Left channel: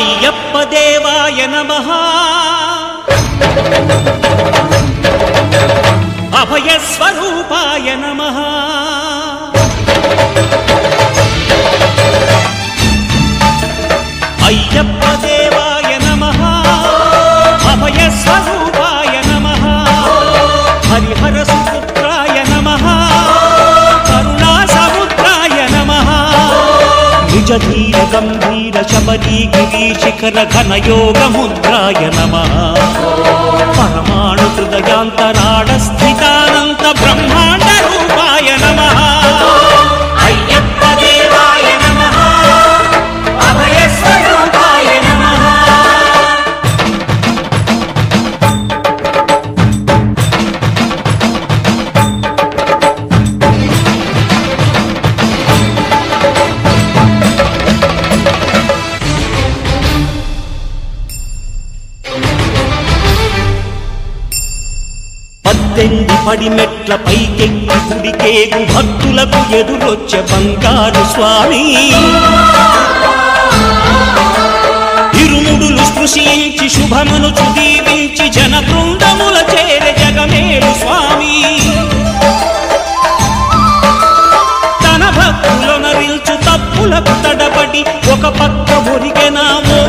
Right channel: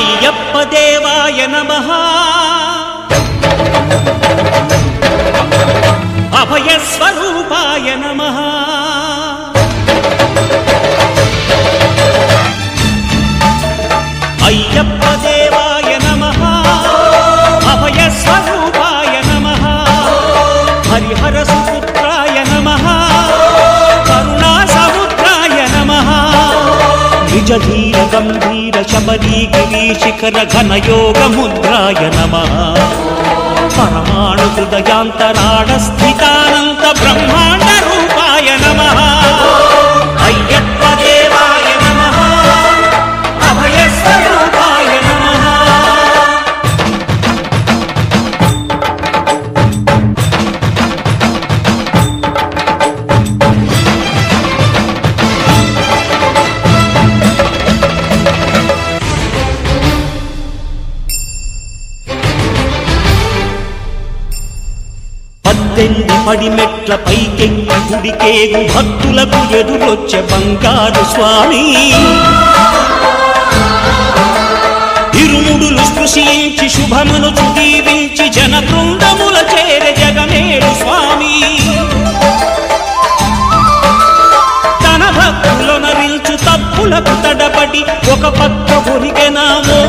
అయ్యప్ప దేవాయ నమః అభయ స్వరూపాయ నమః అయ్యప్ప దేవాయ నమః అభయ స్వరూపాయ నమః హరిహర సుపుత్రాయ నమః కరుణా సముద్రాయ నమః నిజ ధీర గంభీర శబరీ గిరీశిఖర ఘనయోగ ముద్రాయ నమః పరమాణు హృదయాంతరాళ స్థితానంత బ్రహ్మాండ రూపాయ నమః అయ్యప్ప దేవాయ నమః అభయ స్వరూపాయ నమః పద్దెంది పడిమెట్ల పైకెక్కి గుడికేగు భక్తులకు ఎదురొచ్చే బంగారు స్వామి ఇరుముడులు స్పృశించి శుభమును దీవించి జన బృందముల చేరే జగమేలు స్వామి తన భక్తులనరిల్చు తప్పులకు తడబడి ఒక పక్క ఒరిగెనా ఓ